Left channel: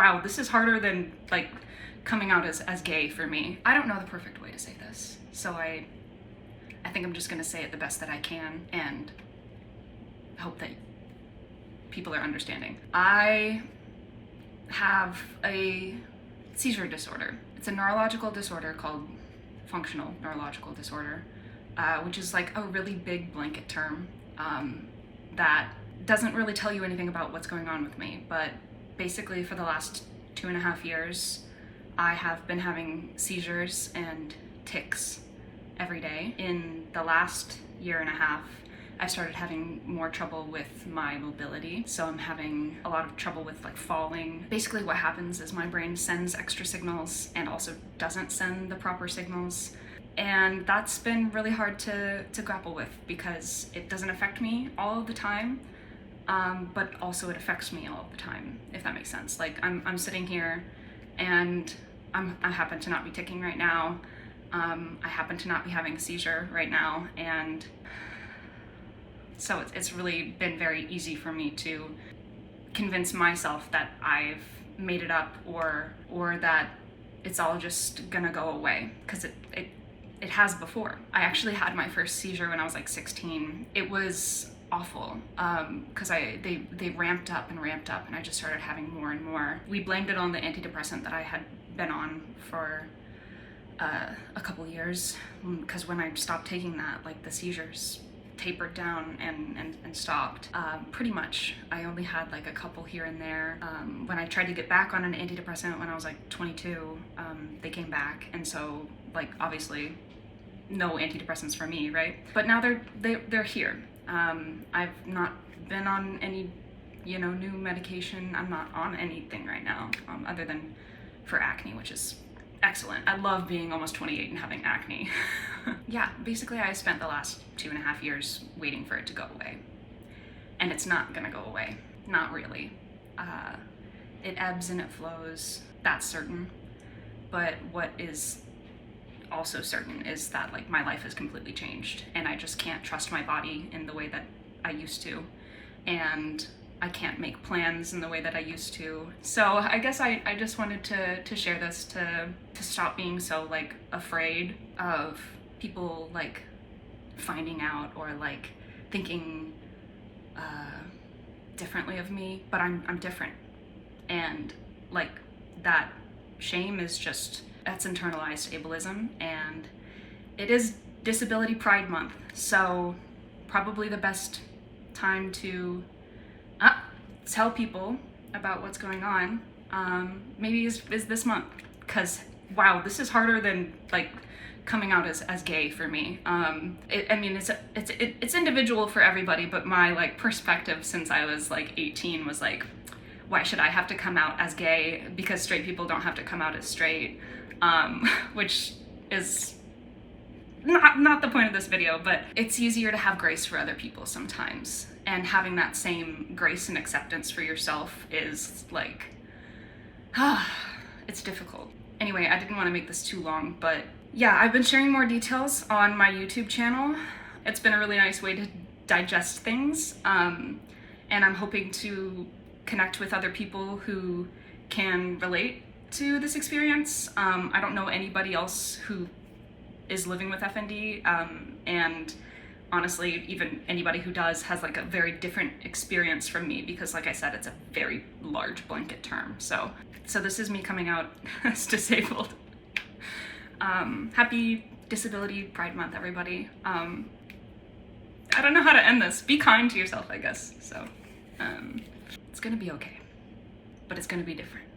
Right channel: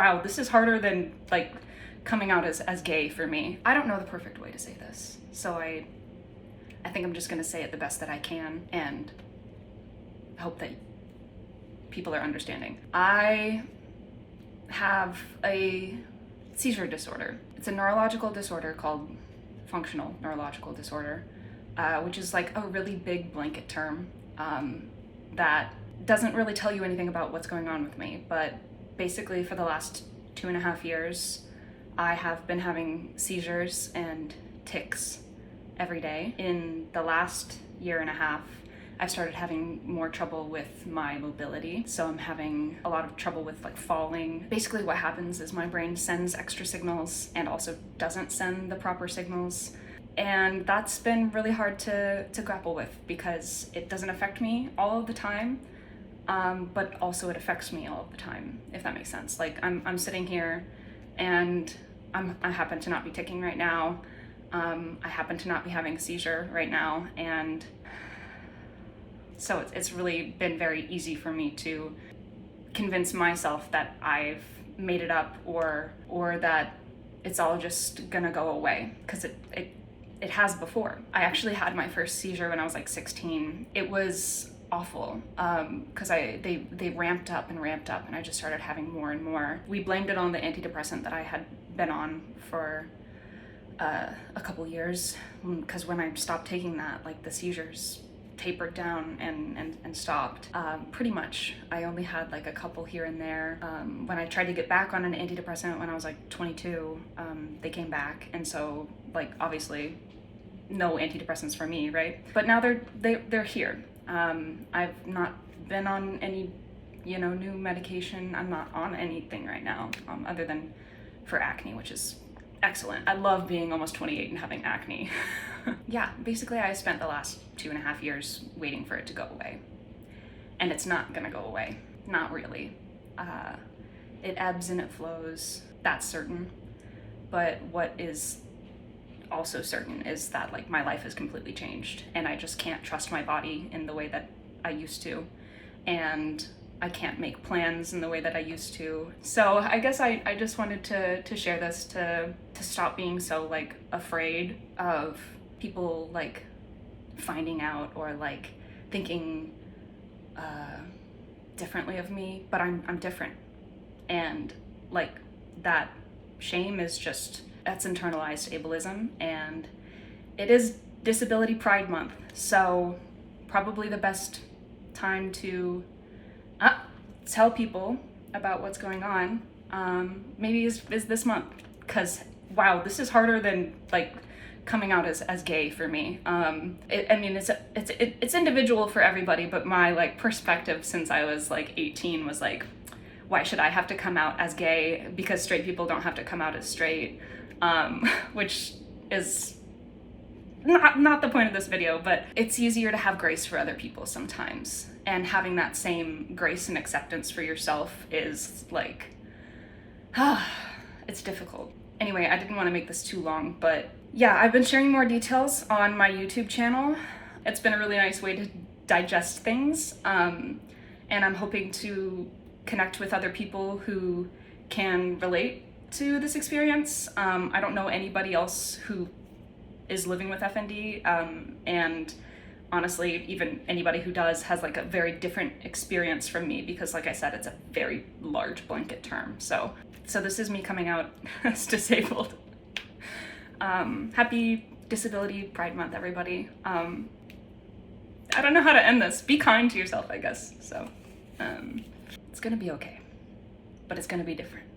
wow, this is harder than like coming out as gay for me. I don't know the perfect way to say this, so I think I'm just gonna say it the best that I can and hope that people are understanding. I have a seizure disorder. It's a neurological disorder called functional neurological disorder, which is like a really big blanket term that doesn't really tell you anything about what's going on with me. But basically for the last 2.5 years, I have been having seizures and tics every day. In the last 1.5 years, I started having more trouble with my mobility. So I'm having a lot of trouble with like falling. Basically what happens is my brain sends extra signals and also doesn't send the proper signals. And that's been really hard to grapple with because it doesn't affect me all of the time, but also it affects me all of the time, if that makes sense. Like I'm sitting here and I happen to not be ticking right now. I happen to not be having a seizure right now, and so it's really been very easy for me to convince myself that I've made it up or that it's all just gonna go away, because it has before. I actually had my first seizure when I was like 16. It was awful because they ramped up and I just started having more and more. We blamed it on the antidepressant that I had been on for a couple years, because when I stopped taking that, like the seizures tapered down and stopped. Pretty much. I only had like a couple here and there. When I tried to get back on an antidepressant when I was like 22, they came back, and so like obviously no antidepressants for me, right? But now they're here. I've not been on any, new medication. I'm not on anything right now, other than for acne, which is excellent. I love being almost 28 and having acne. Yeah, basically I spent the last 2.5 years waiting for it to go away. And it's not gonna go away. Not really. It ebbs and it flows, that's certain. But what is also certain is that like my life has completely changed, and I just can't trust my body in the way that I used to. And I can't make plans in the way that I used to. So I guess I just wanted to share this to stop being so like afraid of people like finding out or like thinking differently of me. But I'm different, and like that shame is just, that's internalized ableism, and it is Disability Pride Month, so probably the best time to tell people about what's going on maybe is this month, because wow, this is harder than like coming out as gay for me. I mean it's individual for everybody, but my like perspective since I was like 18 was like, why should I have to come out as gay because straight people don't have to come out as straight, which is not the point of this video. But it's easier to have grace for other people sometimes, and having that same grace and acceptance for yourself is like, it's difficult. Anyway, I didn't want to make this too long, but yeah, I've been sharing more details on my YouTube channel. It's been a really nice way to digest things, and I'm hoping to connect with other people who can relate to this experience. I don't know anybody else who is living with FND, and honestly, even anybody who does has like a very different experience from me, because like I said, it's a very large blanket term. So this is me coming out as disabled. Happy Disability Pride Month, everybody. I don't know how to end this. Be kind to yourself, I guess. So it's gonna be okay, but it's gonna be different.